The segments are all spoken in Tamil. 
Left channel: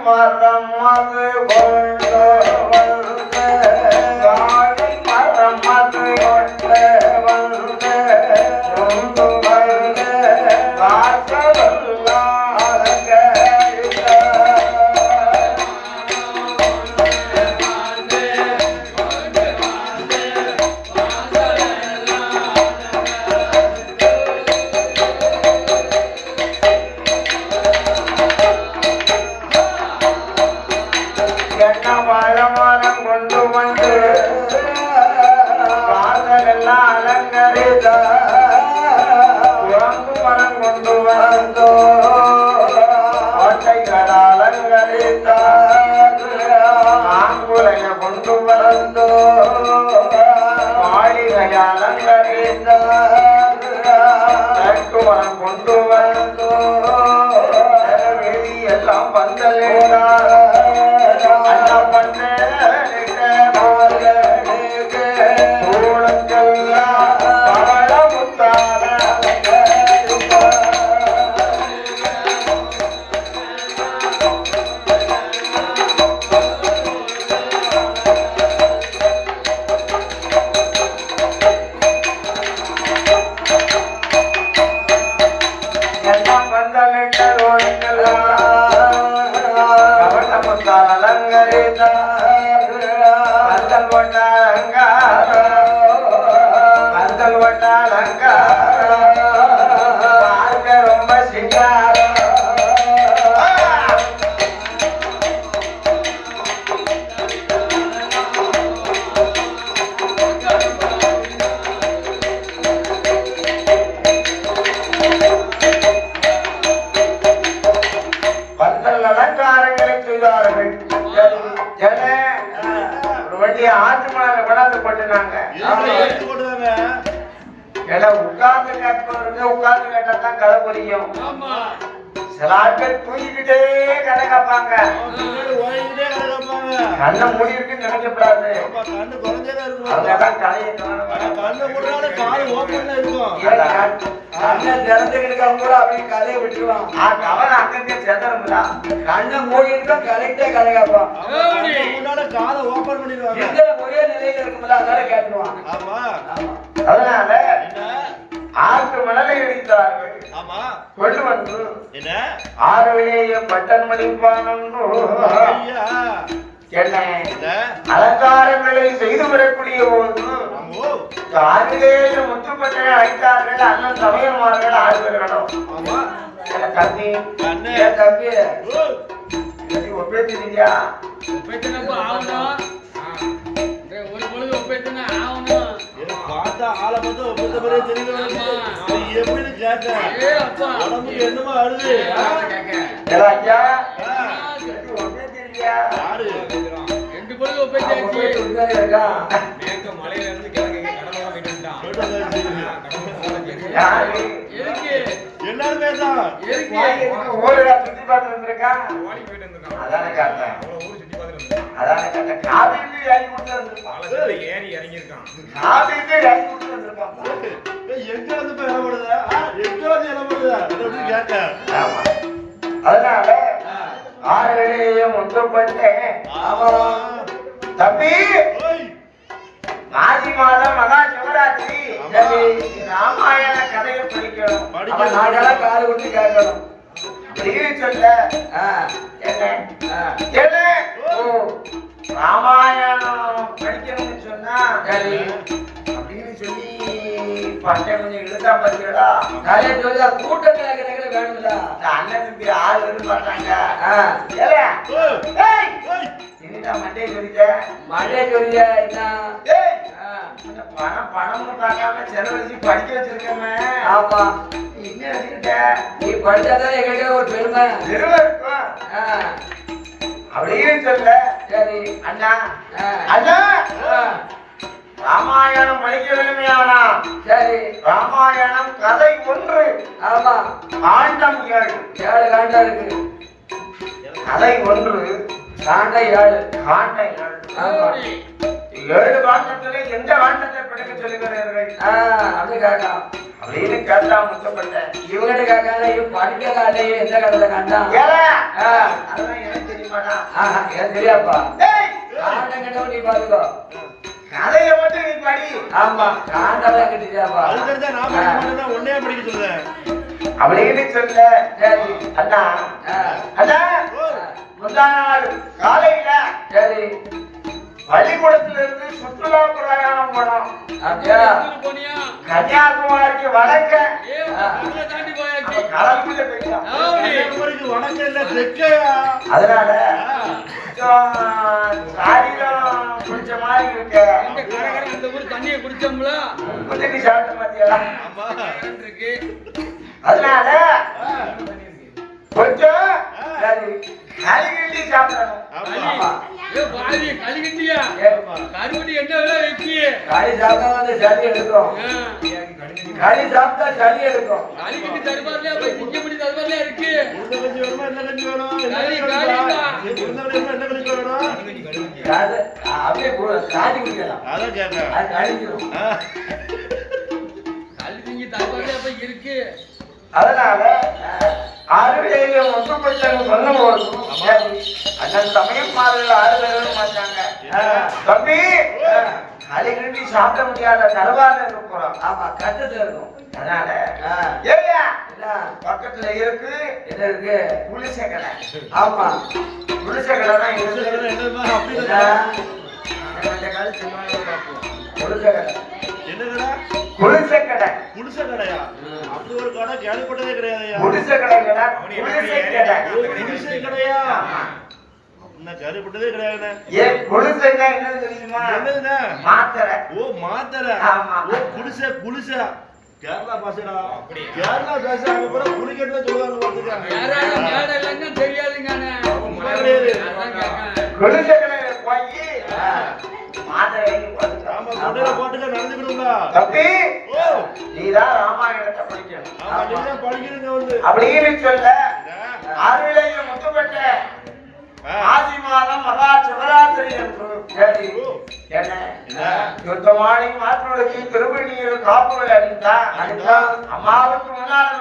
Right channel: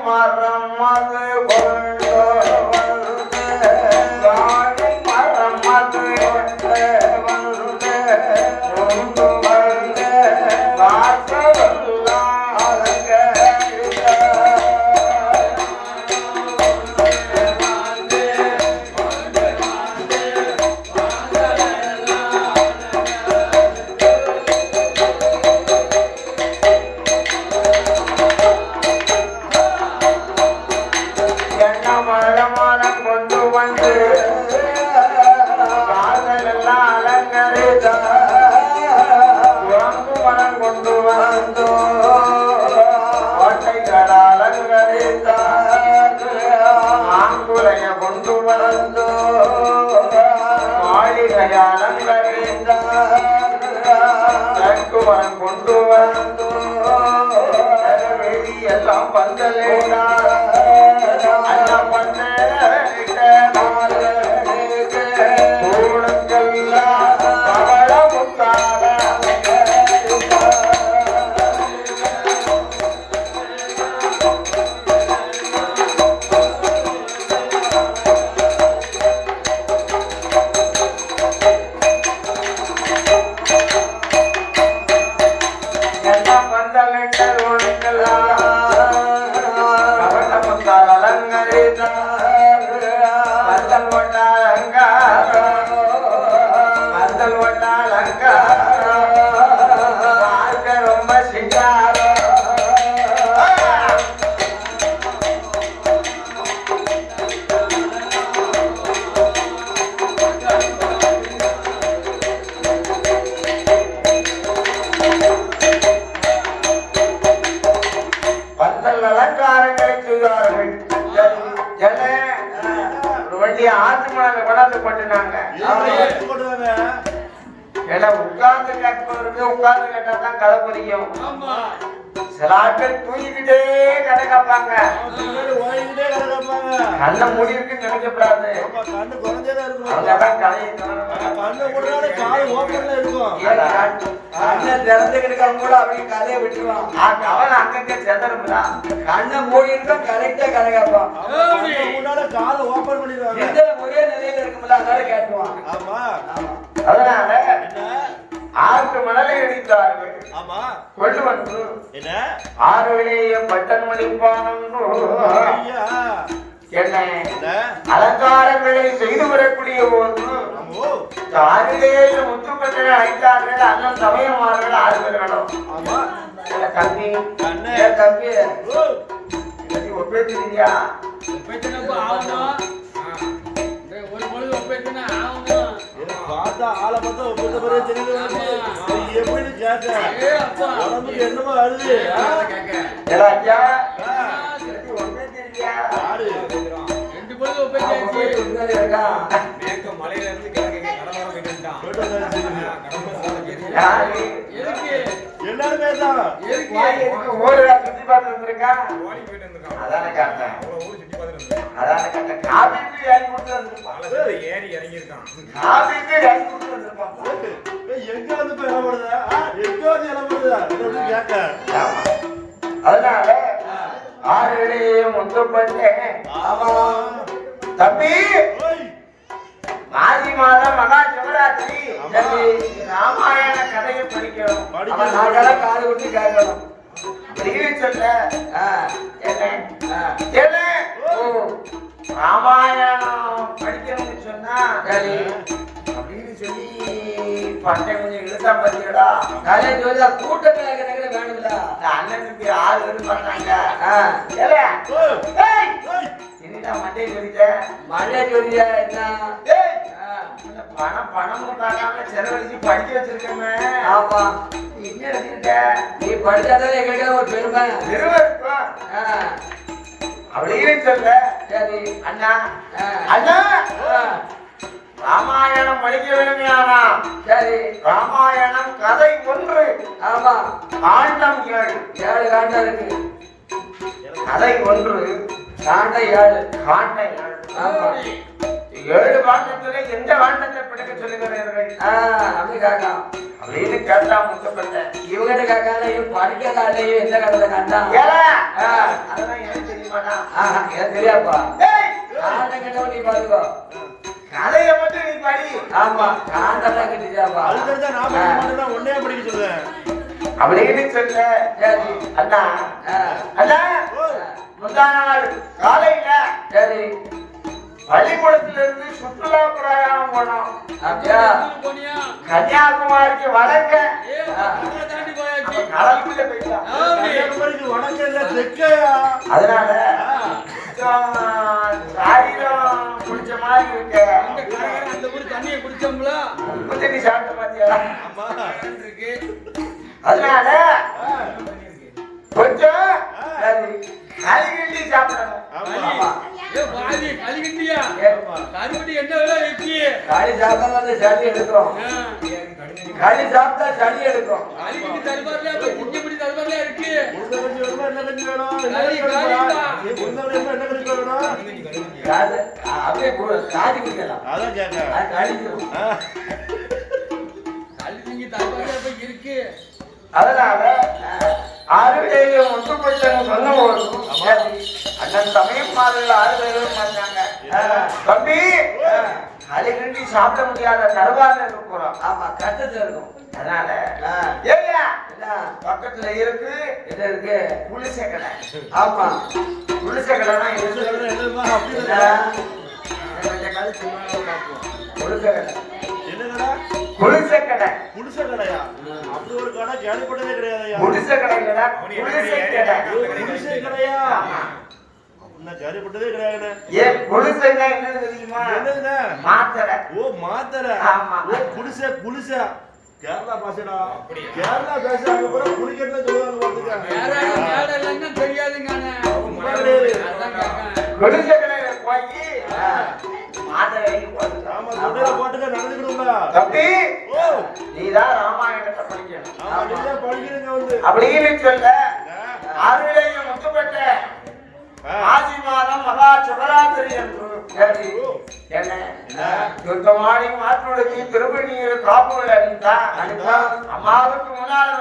agora. உட்கார்ந்து கட்டுறதுக்கு உட்கார்ந்து கட்டா தான் கடை புரியும் சில ஆட்கள் தூங்கிக்கிட்டே கடை காப்பாங்க கண்ண முடிவுக்கு நினைக்கக்கூடாது அவ்வளவுதான் கடையை அண்ணன் திறந்துக்கிட்டு கூட அப்படியே கதையை விட்டுருவான். அவன் அங்கங்க செதறுங்களா கண்ணை மூடிட்டு கரெக்டா கதை கேட்பான். காலை ஓபன் பண்ணிடுவாங்க. ஒரே நிலையில இருக்குல்ல அதனால கேட்டுருவான். ஆமா. அதனால ஆற்று மணலை அடித்தார்கள் ஆமா. கொண்டு வந்து என்ன? ஆறுவிலேயும் பட்டன் ஐயா. என்ன? அலங்காரங்களை செய்து வரக்கூடிய போது ஆமோ ஆறுலேயே முத்துப்பட்டை அழைத்தார்கள். அண்ணன் சமயமார்கள் ஆறுகளும் ஆமா. தம்பி? தம்பி? ஒப்பேத்திரியா ஒப்பேத்தினப்ப ஆகணும். ஒரு பொழுது ஒப்பேத்தினா ஆகணும். பார்த்தா ஆளை பார்த்தா ஒப்பந்த மாதிரியே தெரியுது எப்படி அப்பா. உடம்புக்கு என்னமோ ஒப்பேத்திரியா யாரு? ரெண்டு பொழுது ஒப்பேத்தியாச்சு. மேற்க மலையில இருந்து கிழக்கு கடலோரம் போயிட்டு வந்துட்டான்? எல்லாரும் வந்திருக்கா? ஓடி போயிட்டு வந்திருக்கான். அவ்வளவு ஊர் சுத்தி பார்த்துட்டு ஏறி இறங்கியிருக்கான். எங்க வந்து இப்ப இடம் போடுதா எங்க வந்து இடம் போடுதா எப்படி கேட்டேன்? அதனால ஆறுகளையும் முத்துப்பட்டேன் ஆமா. தம்பி! மாசி மாதம் மகா சிவராத்திரி. ராமாயண கதையை படிக்கணும். படிக்க நாங்கெல்லாம் காது விட்டு கேட்கணும். சொல்ல. என்ன? இழுத்தா பார்த்தீங்களா நிறைய சொல்லி கூட்டத்தில் இருக்கிறது இந்த அண்ணனுக்கு ஆறு பேரும் என்னடா என்ன? ஏய், ஆ, இந்த பணம் பணம்னு பார்க்காம செலவழிச்சு படிக்க வச்சிருக்கமே ஆமா. என்ன வச்சுக்கிட்ட? நீ படிச்சாதான் எங்களுக்கு ஒரு பெருமை. பெருமை இருக்கும்? ஆ, அப்படின்னு சொல்ல சரி. அண்ணா. அண்ணா. ராமாயணம் படிக்க வேணுமையானா சரி. ராமாயணம் கதை ஒன்று. ஆமா. காண்டம் ஏழு. ஏழு காண்டம் இருக்கு. கதை ஒன்று. காண்டம் ஏழு. காண்டம் ஏழு. ஏழு காண்டத்திலே எந்த காண்டத்தை படிக்க சொல்லுகிறீர்கள்? அப்படி கேட்காம் அப்படின்னு கேட்டா முத்தப்பட்ட இவங்கிட்ட கேட்காத இது படிக்க காண்டையும் எந்த காலத்தை ஆ. அதெல்லாம் எனக்கு ஏய், காண்டை கண்டவன் நீ பாருங்க கதையை மட்டும் நீ படி. ஆமா காண்டதான் தெரியாதுப்பா அது தெரிஞ்சா நான் படிக்க மாட்டேன் ஒன்னே படிக்க சொல்லுவேன் அப்படின்னு சொல்ல? சரி. அண்ணா. அண்ணா. முந்தா நாள் காலையில சரி. பள்ளிக்கூடத்துல இருந்து சுற்றுலா பிரயாணம் போனோம் கன்னியாகுமரிக்கு வடக்க. கடலுக்குள்ள கன்னியாகுமரிக்கு வடக்கு இல்ல தெற்கையா? அதனால பிடிச்ச மாதிரி இருக்கு. அந்த ஊர் தண்ணியை குடிச்சோம்ல. தண்ணி சாப்பிட்ட பாத்தியா? இருக்கு அதனால கொஞ்சம் கலிகிண்டி சாப்பிடணும். ஆமா. ஏ பாதி கழுகிட்டியா? ஆமா. கருவடி என்ன விலை வச்சு காய் சாப்பிட்டா வந்து சளி எடுக்கும். காய் சாப்பிட்டா சளி எடுக்கும். போய் குட்டிப்படி தருவாரியா இருக்கு? உளுந்த கஞ்சி வேணுமா என்ன கஞ்சி வேணும்? என்ன கஞ்சி வேணுமா? உளுந்த கஞ்சி வேணுமா என்ன கஞ்சி வேணும்? காது அப்படியே கு- காய்ச்சி குடிக்கலாம். அதான் கேட்டேன். அது கழிஞ்சிடும் ஆ, கழுதிங்க தருவாரியா போய் இருக்கு? அதனால ஒன்று பிரச்சனை சொன்னோம் அண்ணன் சமயம் மாதிரி ஆறுவேலும் வந்தாங்க. தம்பி கலிகிண்டி சாப்பிட முடியாத தடவாரில் இருக்கிறோம் ஆமா கஷ்டத்துல இருக்கும். அதனால என்ன? பக்கத்துல இருக்கு. என்ன இருக்கு? புளிசை கடை ஆமா. புளிசை கடை தான் இருக்கு. இந்த காலத்து சொல்லுவாங்க பார்ப்போம். கடை. என்ன கடை கடை கடையா அப்படி ஒரு கடை கேள்விப்பட்டதே கிடையாதுயா. கடை புதுசை கடையா? கேள்விப்பட்டதே கிடையாதுண்ணே ஏன் என்னன்னு தெரியுமா? என்னதுண்ணே மாத்திரை. ஓ மாத்தரை. ஆமா. ஓ குடிசை குடிசை. கேரளா பாசடா கேரளா பேசுறாங்க கூட குடிக்கிறதா சொல்லுவாங்க பாத்துக்க. தெரியாதுங்க அண்ணே. அப்படின்னு சொல்ல ஆறுவிலையும் முத்துப்பட்ட. ஆதி மாதம் மகா சிவராத்திரி என்று? சுத்தமானி மாற்றுவதற்கு திருவணியில் காப்புகள் அணிந்தா. அம்மாவுக்கு முன்னால்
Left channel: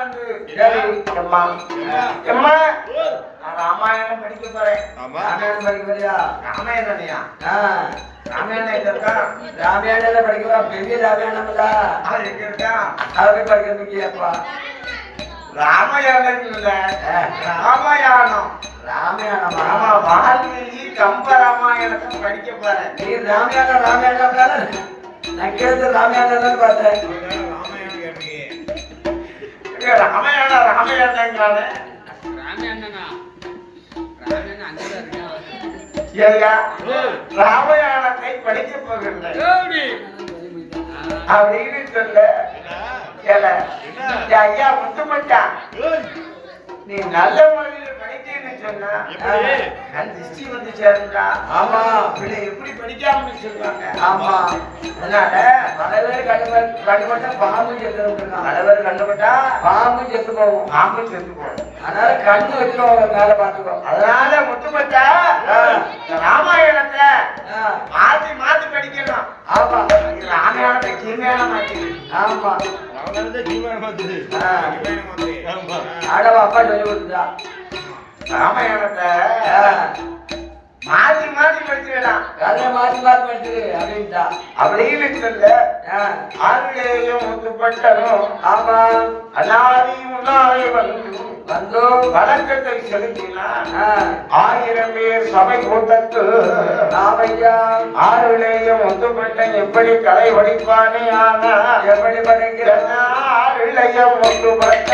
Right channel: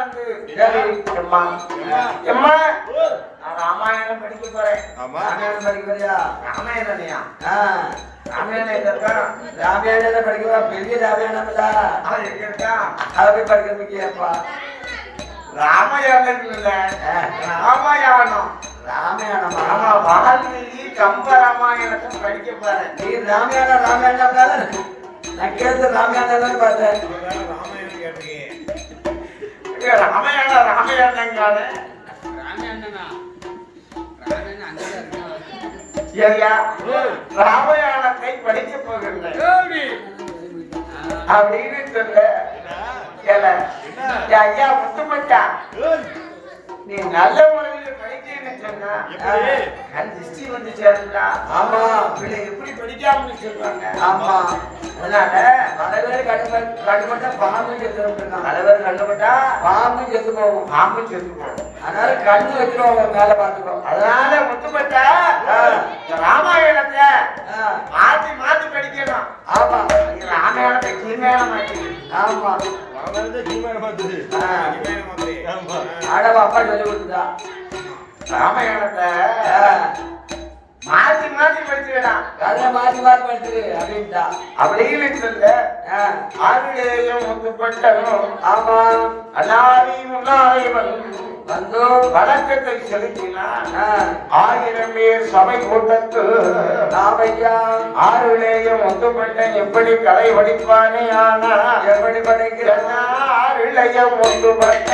நான் ராமாயணம் படிக்க போறேன். ராமாயணம் படிக்கிறியா? ராமாயணனையா ராமாயணம் இருக்கா? ராமாயணத்தை படிக்கலாம் பெரிய ராமாயணம் இல்ல எங்க இருக்கா? அதை போய் படிக்கிறதுக்கு ஏப்பா ராமாயணம் இல்ல. ராமாயணம். ராமாயணம் ஆமா வாழ்க்கையிலேயே கம்ப ராமாயணத்தை படிக்க போறேன். நீ ராமாயணம் ராமாயணம் தானே நான் கேட்டது ராமாயணம் தான் பார்த்தேன் ராமாயணம் கேட்டிருக்கீங்க ராமாயணம் ராமே ராமே இருக்கான் ஐயா ராமாயணத்தை படிக்க போகின்றேன். அப்படின்னு சொல்ல ஐயா முத்துமச்சா நீ நல்ல முறையில் கண் திருஷ்டி வந்து சேரும்டா. பிள்ளை எப்படி படிக்காமன்னு சொல்லுவாங்க. ஆமா. அதனால பேர் கண்டுபட்டு கண்டுபட்ட பாம்பு செத்து தலைவர் கண்டுபட்டா பாம்பு செத்து போகும். பாம்பு செத்து போகும். அதனால கண்ணு வச்சிருவாங்க மேல பாத்துக்கோ அதனால இந்த ராமாயணத்தை மாத்தி மாத்தி படிக்கணும். ஆமா. ராமாயணத்தை கீழ்மையான மாற்றி ஆமா. ராமாயணத்தை ராமாயணம் மாதிரி. ஆமா. ஆடவ அப்பா சொல்லி கொடுத்தா ராமாயணத்தை ஆ, மாத்தி மாத்தி படிச்சிடலாம் கதை மாத்தி மாத்தி படிச்சிரு அப்படின்ட்டா. அப்படின்னு சொல்ல. ஆ, ஆறுலேயும் முத்துப்பட்டவனும் ஆமா. அனாதி முன்னாலே வந்து. செலுத்தினார் ஆ, ஆயிரம் பேர் சபை கூட்டத்து ராமையா ஆறுலேயும் முத்துப்பட்டன் எப்படி கலை படிப்பானே ஆனா எப்படி படிக்கிறான் ஆறுலையும் முத்துப்பட்ட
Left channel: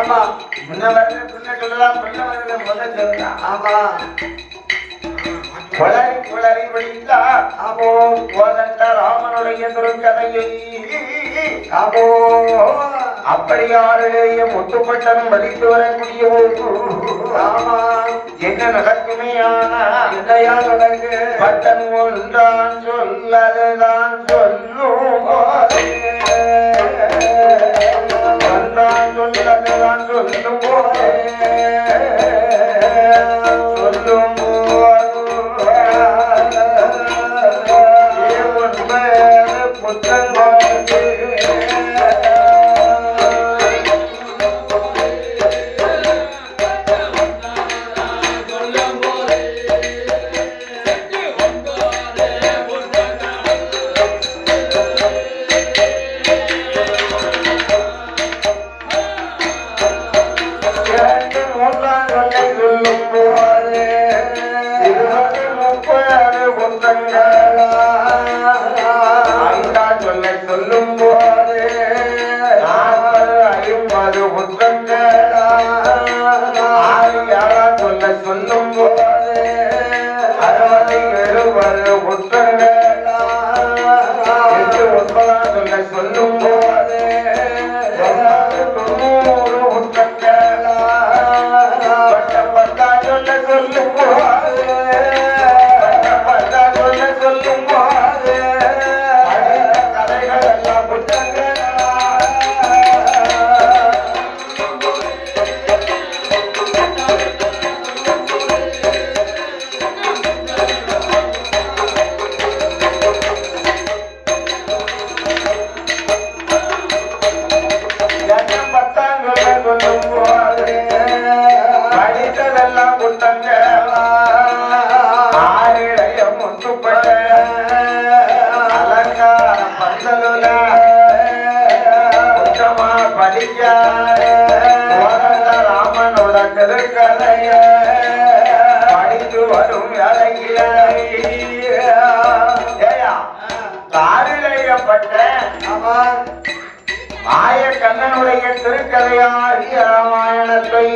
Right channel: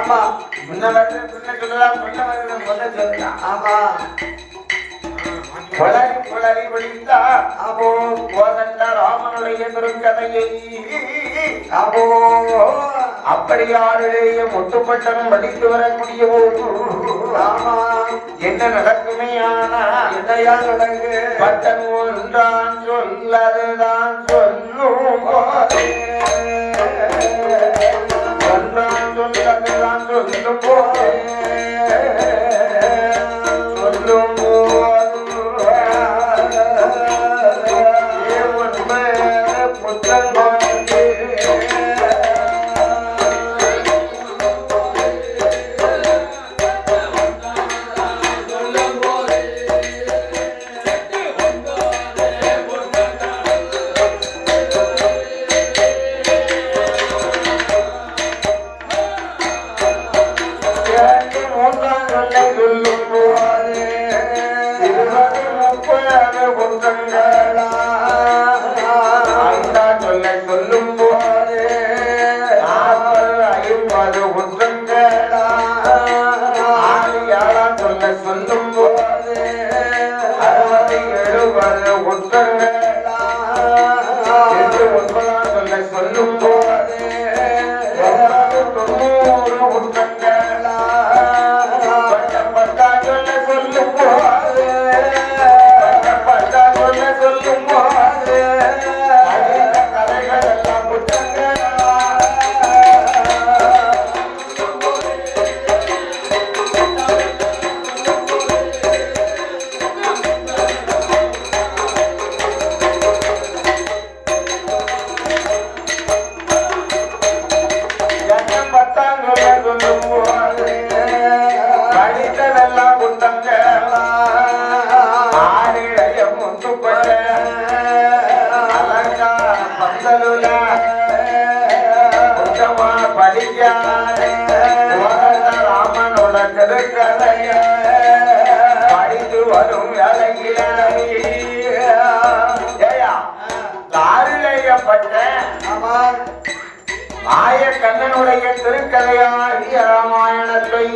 ஆமா முன்ன வருது பின்ன சொல்லலாம் பின்ன வருது முதல் சொல்லலாம் ஆமா குளறி குளறி படித்தா ஆமா கோதண்ட ராமனுடைய திருக்கதையை. அப்போ அப்படியாருடைய முத்துப்பட்டம் வலித்து வரக்கூடிய ஆமா. என்ன நடக்குமையானா என்னையா தொடங்கு? பட்டன் ஒன்றான் சொல்லதுதான் சொல்லும் சொல்லும் எழுபது புத்தமா படிக்காத ஓரந்த ராமனோட படித்து வரும் தாரிழையப்பட்ட மாய கண்ணனுடைய திருக்கதையாகிய ராமாயணத்தை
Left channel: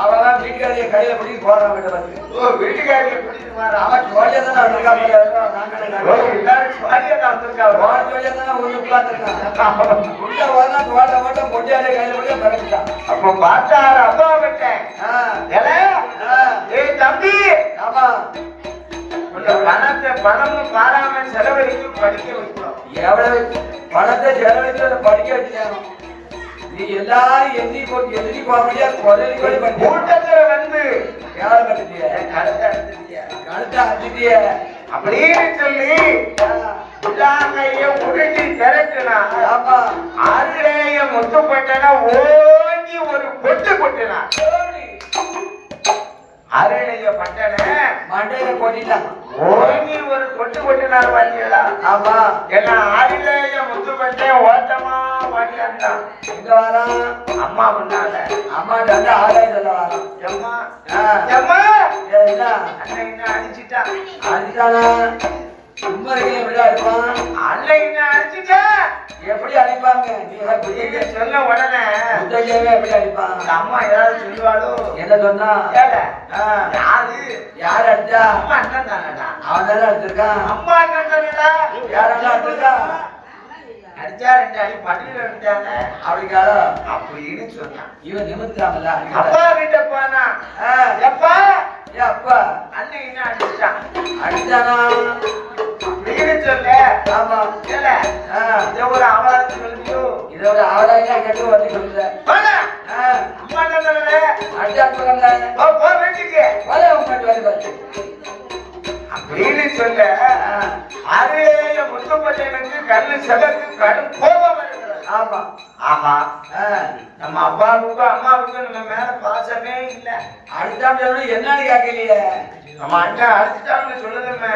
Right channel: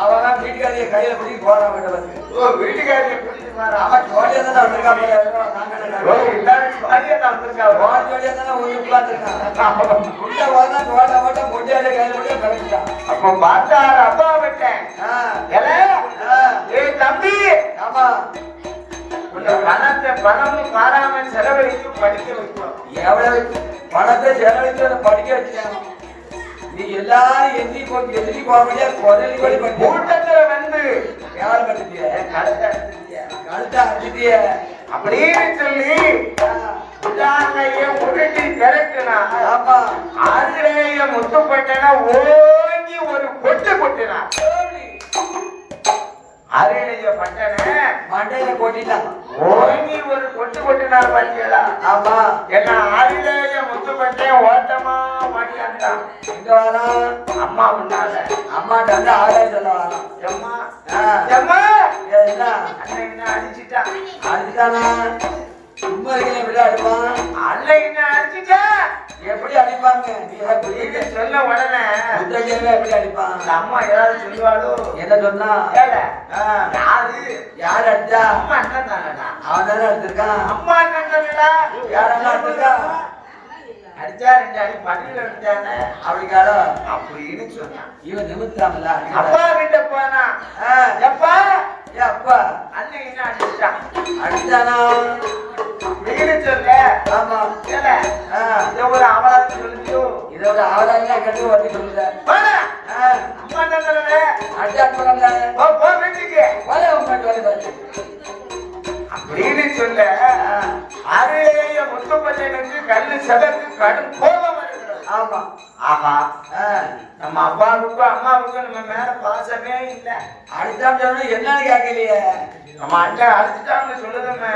அவன் வீட்டுக்காரிய கையில பிடிக்க போறான் வீட்டு வந்து ஓ வீட்டுக்காரியை பிடிச்சு. அவன் ஜோடியா தானே எல்லாரும் வந்திருக்காங்க. அவன் ஜோடியா தானே ஊருக்குள்ள உள்ள மட்டும் கையில அப்போ அப்பா விட்டேன் தம்பி. ஆமா. பணத்தை பணமும் பாராம செலவழித்து படிக்க வைக்கிறோம். எவ்வளவு பணத்தை செலவழிச்சு அதை படிக்க வச்சான் நீ எல்லாரும் எண்ணி எதிரி முடியாது குரலி கூட படிக்க கூட்டத்துல வந்து கேவலம் பண்ணிட்டியா கழுத்தை எடுத்துட்டியா? அடுத்த அதிதிய அப்படின்னு சொல்லி உள்ளாங்கைய உருட்டி திரட்டுனாங்க. ஆமா. ஆதிரேய முத்துப்பட்டன ஓங்கி ஒரு கொட்டு கொட்டினான் ஆதிரேய பட்டன மண்டையில கொட்டிட்டான். ஓங்கி ஒரு கொட்டு கொட்டினார் பாத்தீங்களா ஆமா. எல்லாம் ஆதிரேய முத்துப்பட்டன ஓட்டமா இங்க வரான் அம்மா முன்னால அம்மா தந்த ஆதாயம் சொல்ல வரான் எம்மா. எம்மா என்ன? அண்ணன் அடிச்சிட்டான் அடித்தானா சும்மா இருக்க எப்படி அடிப்பான்? அண்ணன் அடிச்சிட்டா? எப்படி அடிப்பாங்க? நீ எப்படி இது சொல்ல உடனே. முத்தையாவே எப்படி அடிப்பான்? அம்மா ஏதாவது சொல்லுவாளோ? என்ன சொன்னா? யாரு? யார் அடிச்சா அம்மா அண்ணன் தானடா. அவன் தானே அடிச்சிருக்கான் அம்மா அண்ணன் தானடா. யாரெல்லாம் அடிச்சிருக்கா அடிச்சா ரெண்டு அடி பட்டியல அடிச்சாங்க அப்படிக்காடா அப்படின்னு சொன்னான். இவன் நிமித்தாமல அப்பா கிட்ட போனா எப்பா? ஏன் அப்பா. அண்ணன் என்ன அடிச்சிட்டான் அடிச்சானா? அப்படின்னு சொல்ல. ஆமா. ஆ, இதை ஒரு அவாரம் சொல்லியோ? இதை ஒரு ஆதாயம் கட்டு வந்து. ஆ, அம்மா என்ன தானே அடிச்சா போறாங்க போ போ வீட்டுக்கு. வர உங்க வேலை பார்த்து. அப்படின்னு சொல்ல. ஆரேய முத்துப்பட்டனுக்கு கல்லு கடும் கோபம் ஆமா. ஆஹா. நம்ம அப்பாவுக்கு அம்மாவுக்கு நம்ம மேல பாசமே இல்ல. சொல்லணும் என்னன்னு கேட்கலையே. நம்ம அண்ணன் அடிச்சுட்டான்னு சொல்லுதமே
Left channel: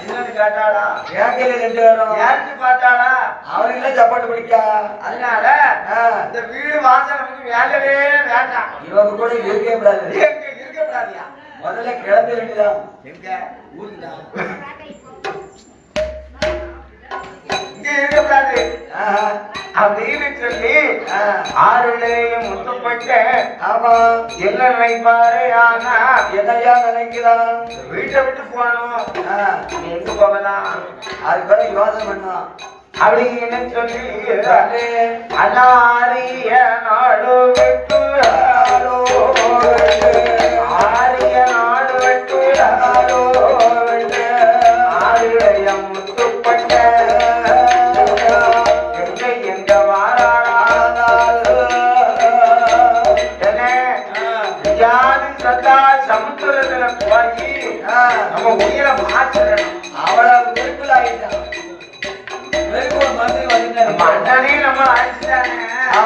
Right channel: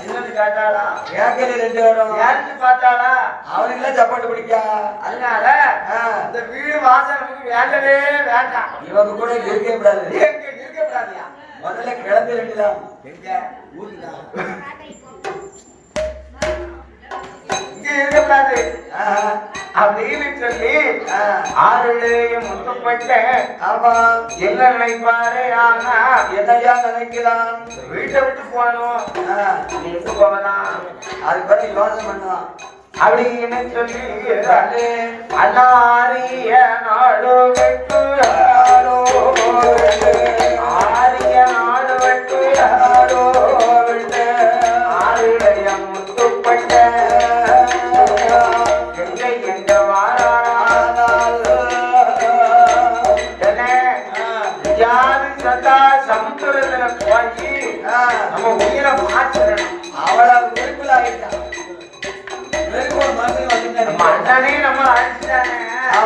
என்னன்னு கேட்டாளா கேட்கல ரெண்டு பேரும். யாருக்கு பார்த்தாளா அவனுக்கு சப்போர்ட் பிடிக்கா அதனால இந்த வீடு வாசல் நமக்கு வேண்டவே வேண்டாம். இவங்க கூட இருக்கவே கூடாது. முதல்ல கிளம்ப வேண்டியதான் எங்க? ஊருக்குதான். இங்க இருக்கக்கூடாது ஆ, ஆறுலேயும் முத்துப்பட்ட ஆமா என்ன நினைப்பாரு ஆனா என்னையா நினைக்கிறான் வீட்டை விட்டு போனோம். ஆ, நீ எங்க போகலாம் அது பிறகு யோசனை பண்ணுவான் அப்படின்னு சொல்லி சொல்லு. அனாரிய நாடு விட்டு ஆடோ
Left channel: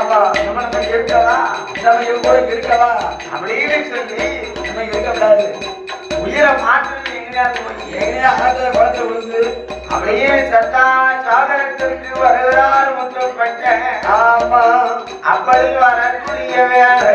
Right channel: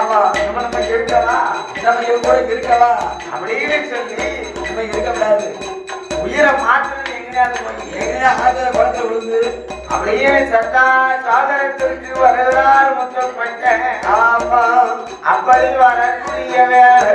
நம்ம நம்ம நம்ம அப்படின்னு சொல்லி நம்ம இருக்கக்கூடாது. உயிரை மாற்றணும் எங்கேயா எங்கேயா ஆத்துல விழுந்து அப்படியே சத்தா சாதனத்திற்கு வருகிறார் முத்தப்பட்ட ஆமா அப்படி வரக்கூடிய வேலை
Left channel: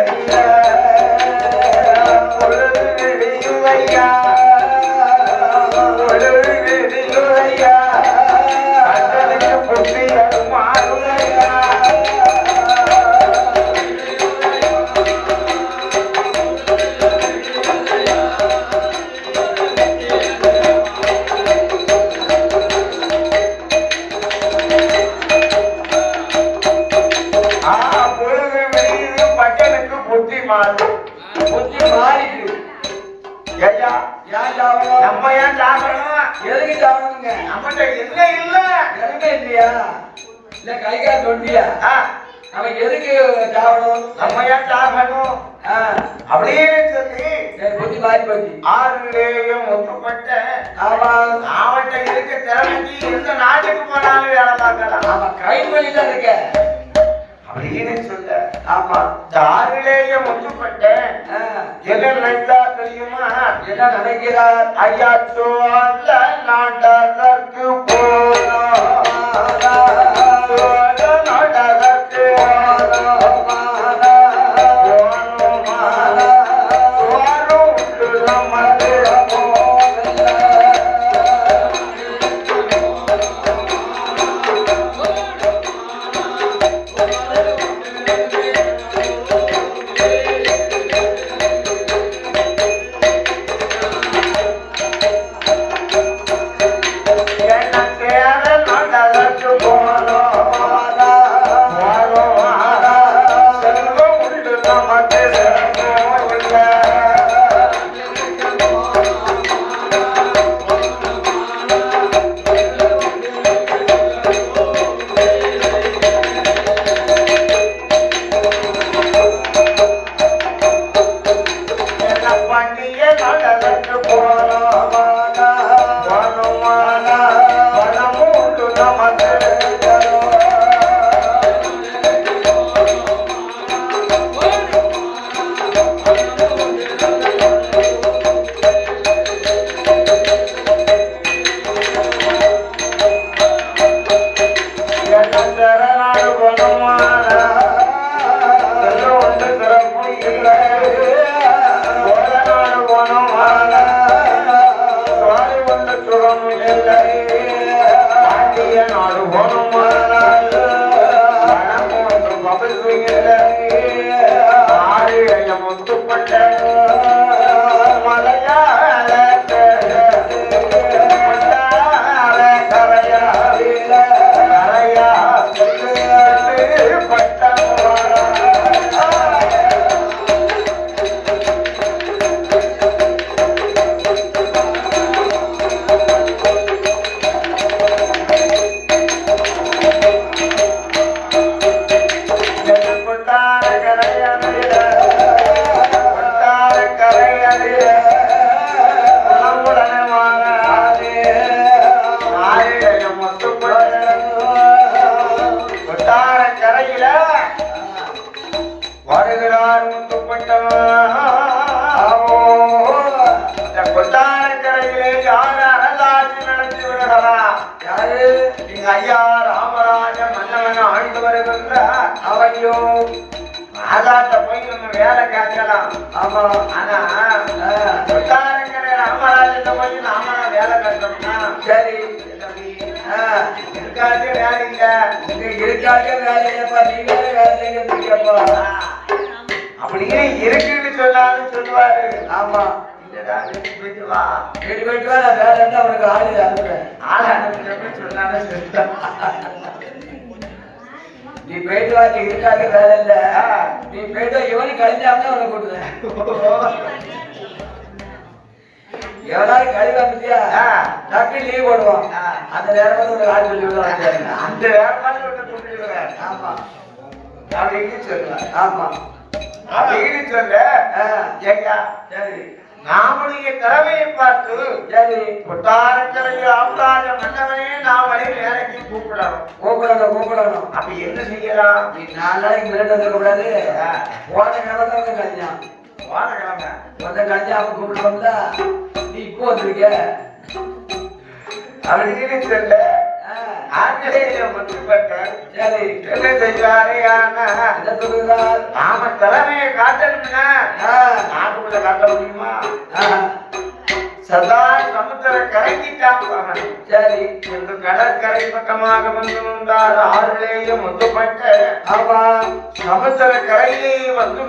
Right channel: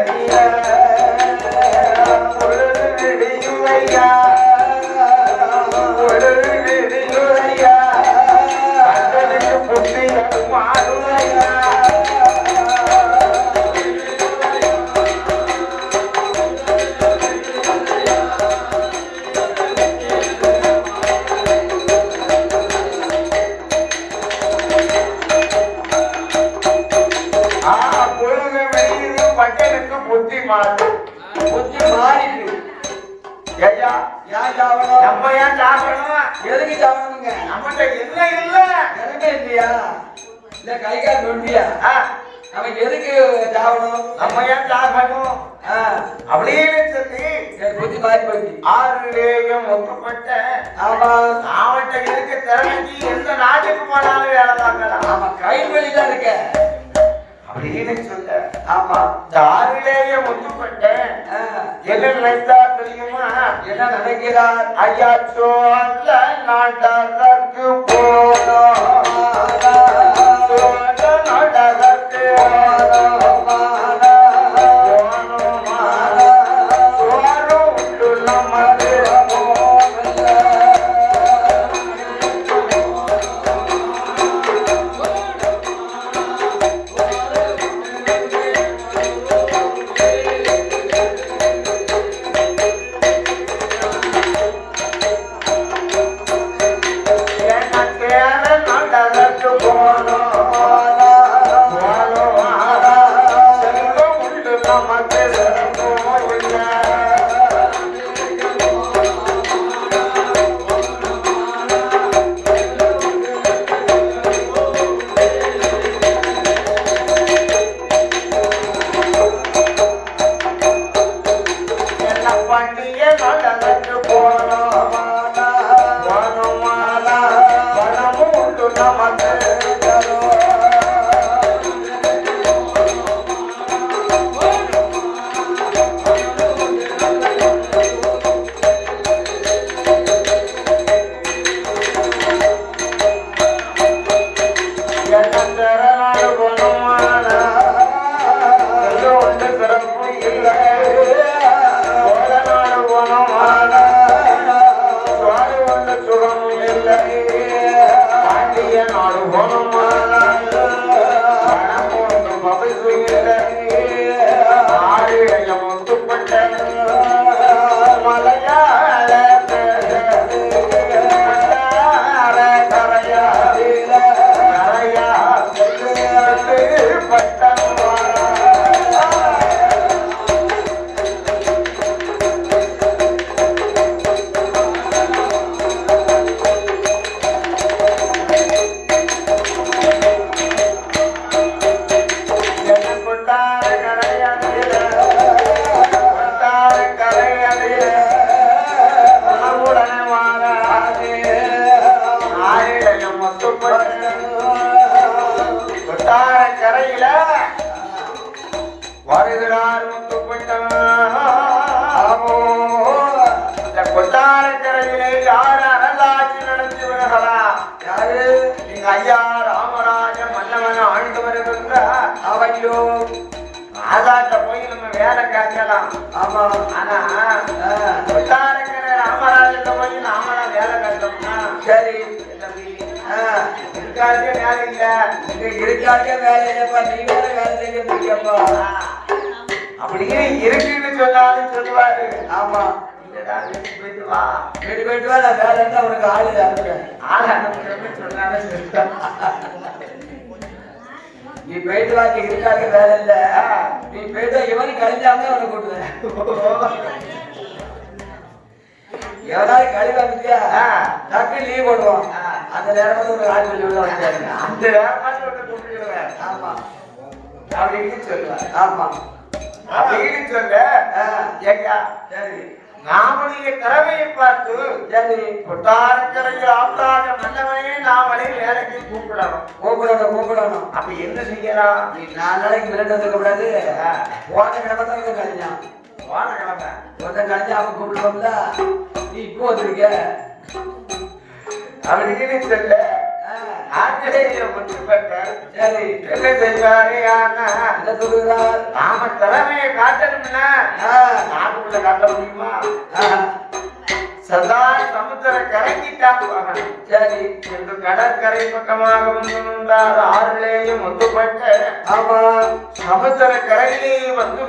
நம்ம ஏன் சாப்பிடணும்? எதுக்கு சாவணுங்க நம்மகிட்ட என்ன இல்ல? எதுவுமே இல்லையா? இல்ல கை கால் நொண்டியா ஆ, அவன் எதுக்கு சாவணும் நம்ம ஏன் சாப்பிடணும்? ஆ, அப்படின்னு சொல்லி புத்தி மாறி போச்சு. ஆறுலேயும் ஒப்புப்பட்ட அவன்கிட்ட இருக்க திறமைக்கு எந்த நாட்டுக்கு போனாலும் வேலை அவன் கை தான் இருக்க. அப்படின்னு சொல்ல ஆமா ஆறுலேயும் ஒப்புப்பட்ட ஆ, என்ன நினைத்தா தெரியுமா? என்ன நினைக்கிறார்? ஐயாச்சோ அந்த நாட்டதற்கு போனோம் வேலை கிடைச்சலாம் ஆமா ஆனா ராமராஜன் போய் நாம வேலை கிடைச்சோம்னா சரி. இருக்காச்சு வேலை இல்ல இந்த இருக்காச்சு வேலையப்பா நீ வேற வேலை அப்படியே இருக்குன்னு சொல்லாது சொல்லுவாரு. ஆமா. போயிட்டு வா. போயிட்டு வா நான் வேலை அவனுக்கு ஆளு ஆளு அனுப்பிச்சப்ப சொல்லாத நீ போயிட்டு வா நீ இருக்காங்க வேலை இல்ல. நீ போயிட்டு இவனு கழிஞ்சாம உனக்கு கூட்டுவேன். எவனாவது கழிவு ஆ. டக்கு லீவ் போடுவோம். அந்த நேரத்துல ஒரு ஆள் சொல்லி விடுவாங்க அந்த கூட்டிடுவேன். ஆமா. அப்படின்னு சொல்லுவேன் ஆமா. அப்படின்னு சொல்ல நாமளுடைய திறமையை பார்த்து சரி. கொட்டாரக்கரையில் ஆப்ராஜ மன்னவனையே நாமளே வேலைக்கு கூப்பிடணும். கூப்பிடணும் கூப்பிடணும். அப்ப என்ன செய்யலாம்? நீ நாலு நாளைக்கு போன கிழமை தான் வந்து கழிஞ்சான் வாழக்கிழமை ஒருத்த கழிஞ்சா அவன் கூப்பிடுவோம்ல நீ இப்போ வந்திருக்க. அப்படின்னு சொல்ல ஆ, ஆங்கிலேயம் வந்துப்பட்டார் சரி. என்ன செய்வாரு? ஆனா என்ன சொல்லுகிறார்? நாம திறமையை காட்டணும்னா நாட்டுக்குள்ள காட்ட முடியுமா? சதா சமுத்திர கரைக்கிட்டான் போகணும் சரி. என்று கடற்கரை பக்கமாக நின்றார். ஆறுலேயும் முத்துப்பட்ட ஆமா. சமுத்திர கரையிலே வந்து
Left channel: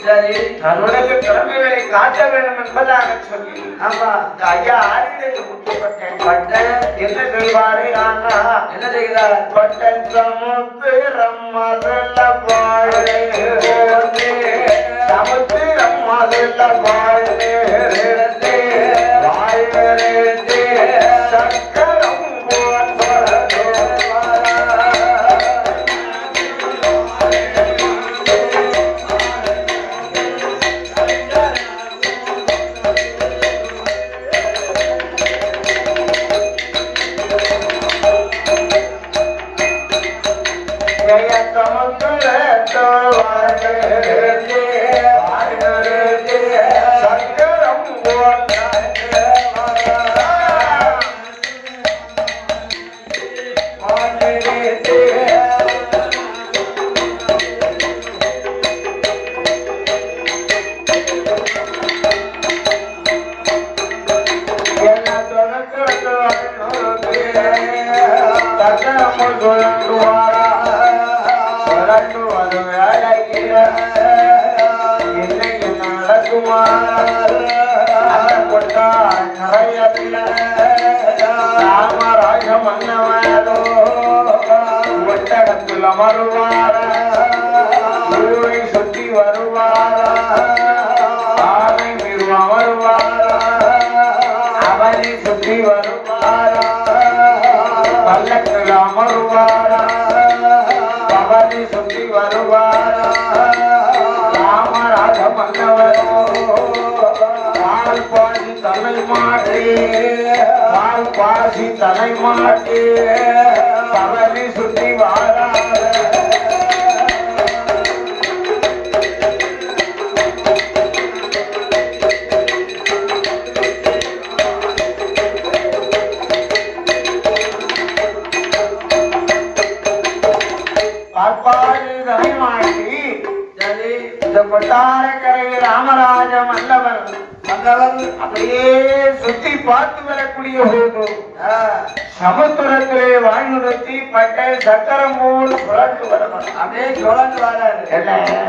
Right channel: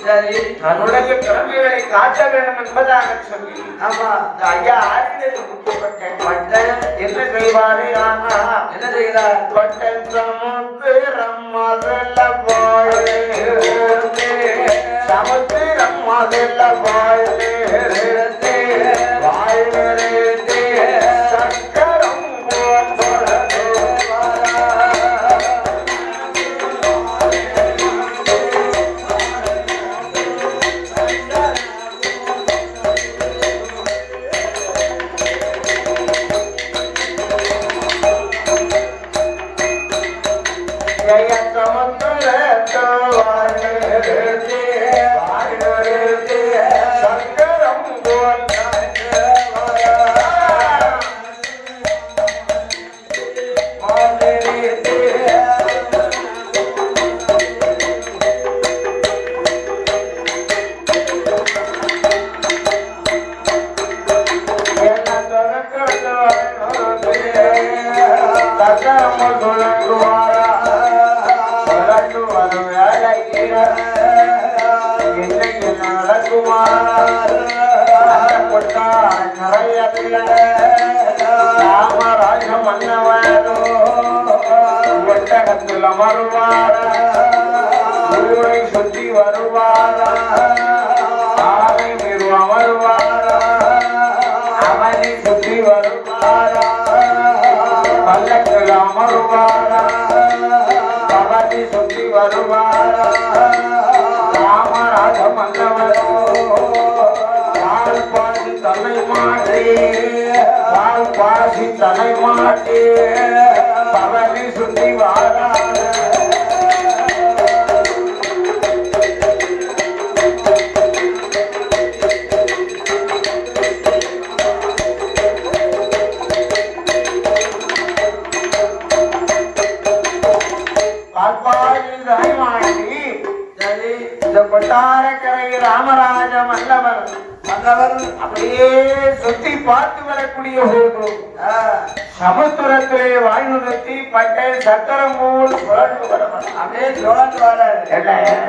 சரி தன்னுடைய திறமைகளை காட்ட வேண்டும் என்பதாக சொல்லி ஆமா இந்த ஐயா ஆறிலே முத்துப்பட்டேன் பட்டன் என்ன செய்வாரே? ஆனா என்ன செய்தார்? பட்டன் சமுத்திரம் மதுல பாழே சமுத்திரம் மதுல பாழே வருவாரா சமுத்திரத்திலே வாழ்ந்து பட்ட சக்கரமூர் புரண்டு வரவர் அப்படியே என்ன?